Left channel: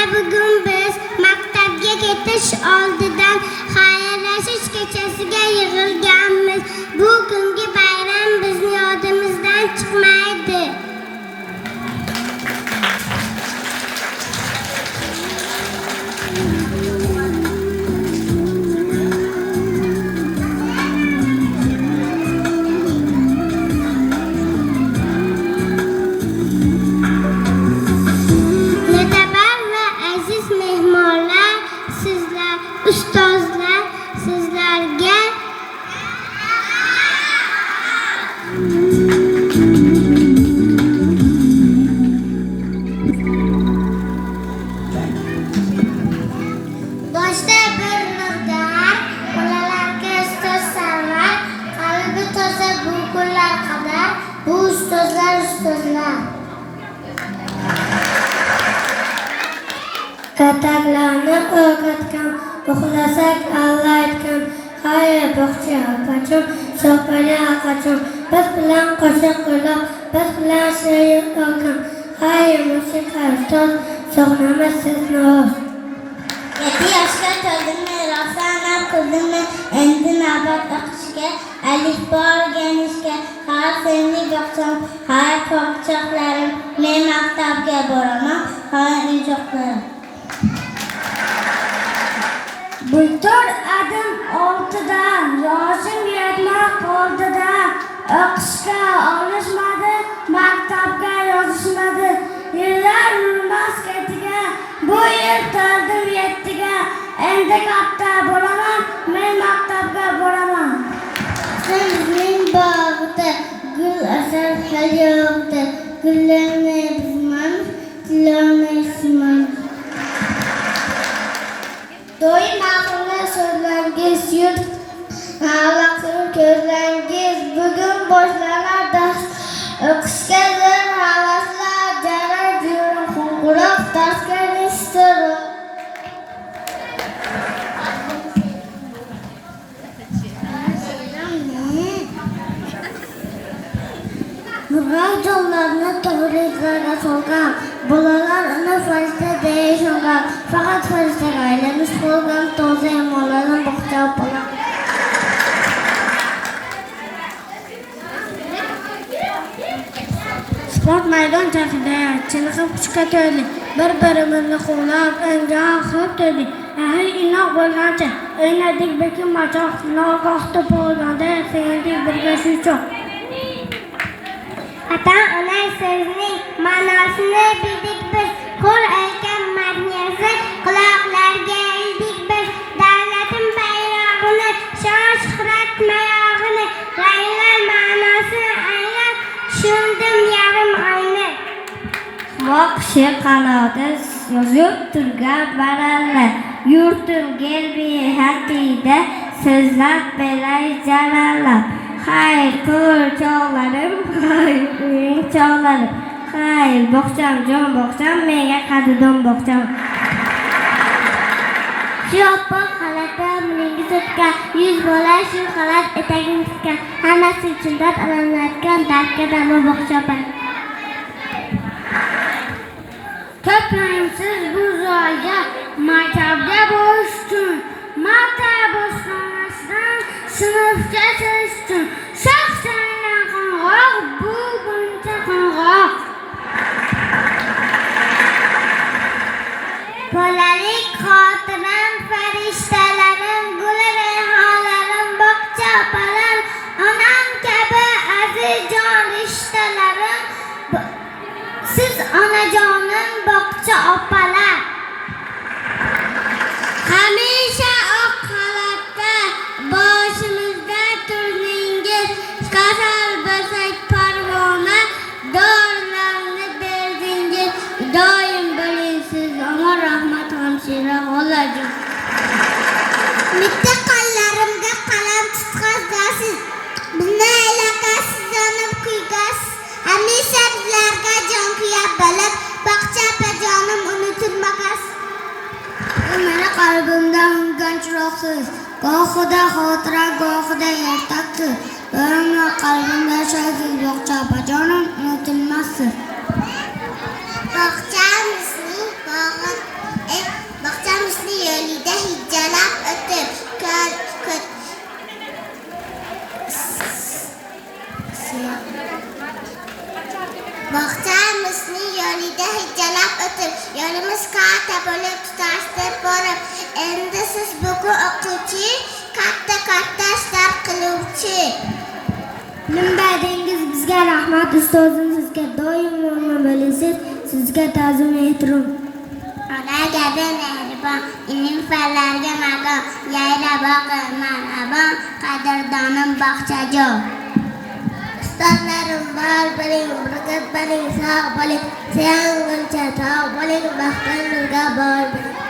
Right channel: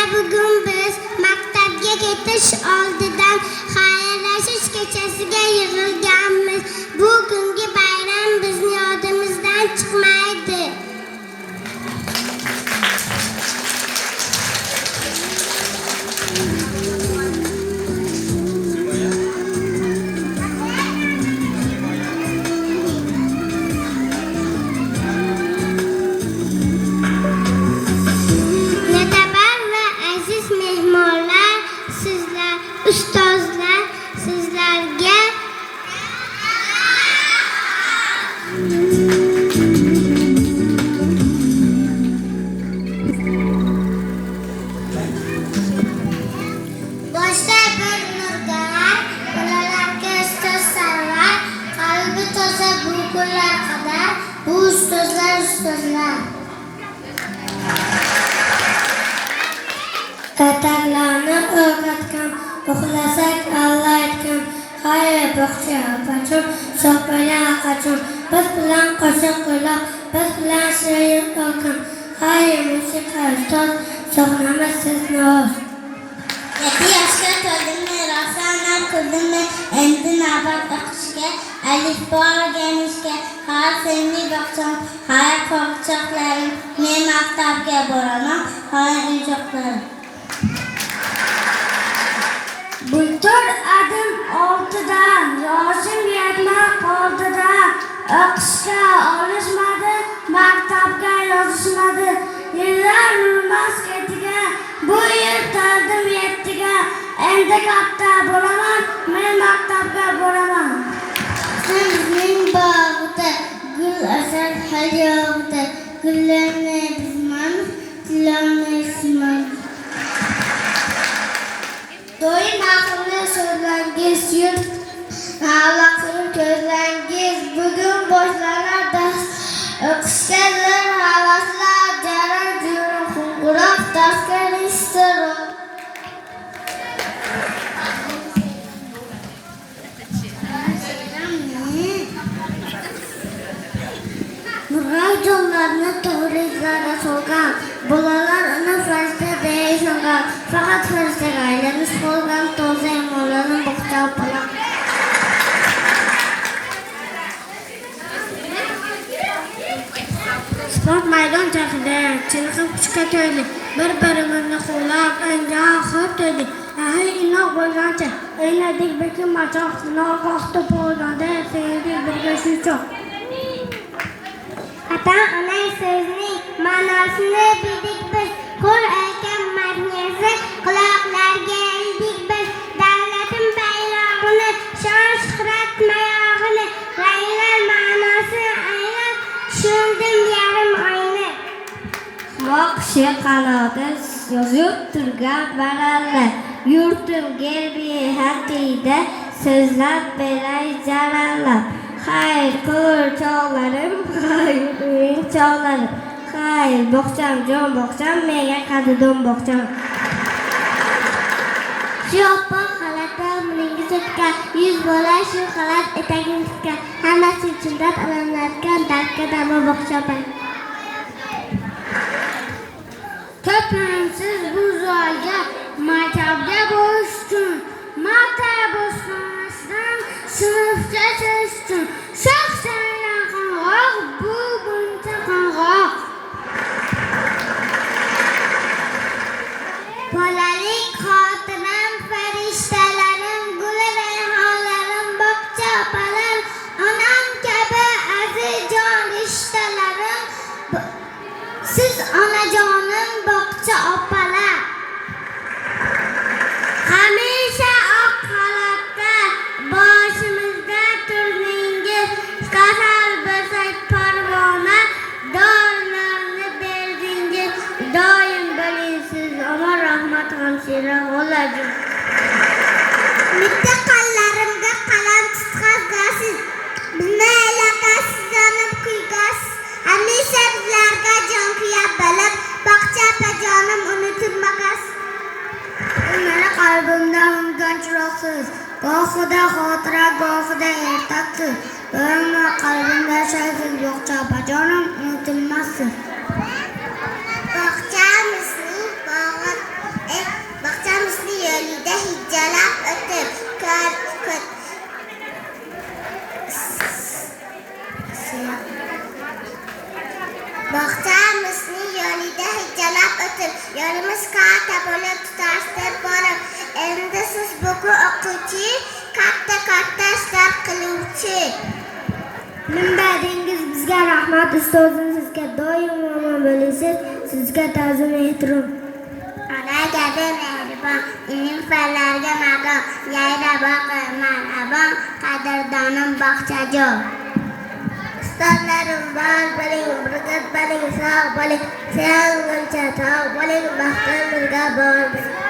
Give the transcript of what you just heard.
Mana bugun biz maktabga ketish oldidan xayrlashish kechasiga yig'ilganmiz. Bu kungi bayram bizni yodimizdan chiqmaydi. Ustozlar sizlarga boshda bir nurlar, bolalarga ustozlar, qalbi toza bu kunlar qadar, bu ustozlar. Kataklarni o'rgatgan, uxlasak Allah aytgan, hayır bog'cha opachim, sopaya aqachim, biz bilan qo'shiq qo'ylab, biz bilan she'r o'qim, hayır musiqa ustoz, sog'namiz sizni o'z. 7 yoshga to'ldimmi, rosanam qildimmi, endi navbat o'qishga, alifbo o'rganishga, har sevimli bog'cham, har qo'rqchoqlarim, men maktabga boraman, har injoqlarim. Bultur adim oltidan, yoshim yetmay qoldida, o'qishga olishmadi, maktabga yozishmadi, yillar yurmas ketiga, bu yil to'ldim 7ga, endi katta bo'laman, men maktabga boraman. Sizning bog'da gul asal hal yo'qda, gullarni bizman, tilomni isman. Do'yim aqlli so'zlaringiz, yurt havaqli ko'zlaringiz, bugun boshlanar dars, o'qishga zor havaslar, jarar jurum qo'ng'iroq, darsga istiroq. Nurg'ay jo'llarni to'g'ri izlarga solgan, bolalar uni farishta deyishgan, faqat farishtaga aylanish qolgan toza imonlarni bog'cha opalar. Sport maydonchasida chiniqib kuchga to'ydik, bir-birimizni qo'llab, engan hop dedik. Inoq bo'lgancha o'ynadik bekin machoq, nogoh to'polganda sevdik birga shu choq. Ata-ona so'zining ma'nosini bildik biz, qo'l aytgan madhiyasi quloqlarga ildik biz. Davlatim bayrog'ini, shon-shuhrat mayog'ini, raylar ma'nosi aynan tushundim yarim oyni. Qushi qanoti yozib turgan baralla, yurtim gerbi hatida so'zlab beray jarallab. Hayır ko'r chog'larim, hayır uning chog'larim, hayır bog'cham jon bog'cham, menga qadrdon bog'cham. Shu oppoq xalatda umringiz o'tgan, 100 bola shu xalat etagini tutgan, hammasi chindan alamlatgan, dardga dami bog'chaman. To'plansiz bu zo'rga, maktabga borish uchun, maktab ostonasidan sinfga chiqish uchun, shoh-shoylar qo'ng'iroq, bu buncha qo'ng'iroq. Bolalik xotiram, farishtalarim, gul rayhonlarim, bog'cha opalarim, onam kabi azizjon rishtalarim, siz onajonim, bog'cha opalar. Hamisha oq xalatda boshimizda turdingiz, kasal bo'lsak parvona, dorilarni berdingiz, doim bo'ling siz omon, rahmat hamshira bo'ladi. Bitta qo'llarimga qalam tutqazasiz, bizni aylaqasiz, jonim kuygasiz, hamisha bizlarga jon kuyab bilib, bog'cha opajonim unutilmagasiz. Meni qalbimda ungan chiroqsiz, gohida xotira, gohida ertaksiz, doimo qalbimda yashaysiz, bog'cha opajonim unutilmassiz. Bog'chamizning bog'i Ilm berdingiz bizga rahmat, ustozim sizga doim omon bo'lasiz. Sizga ta'zim ehtirom. Ona kabi mehribon, ilm fanlarga madon, yayra boqi marhabon, qadrdonim bog'chajon. Ustozlarim bor bo'ling, burkat bo'ling, sog' bo'ling, sevguncha tog' bo'ling, baxtimizga bor bo'ling.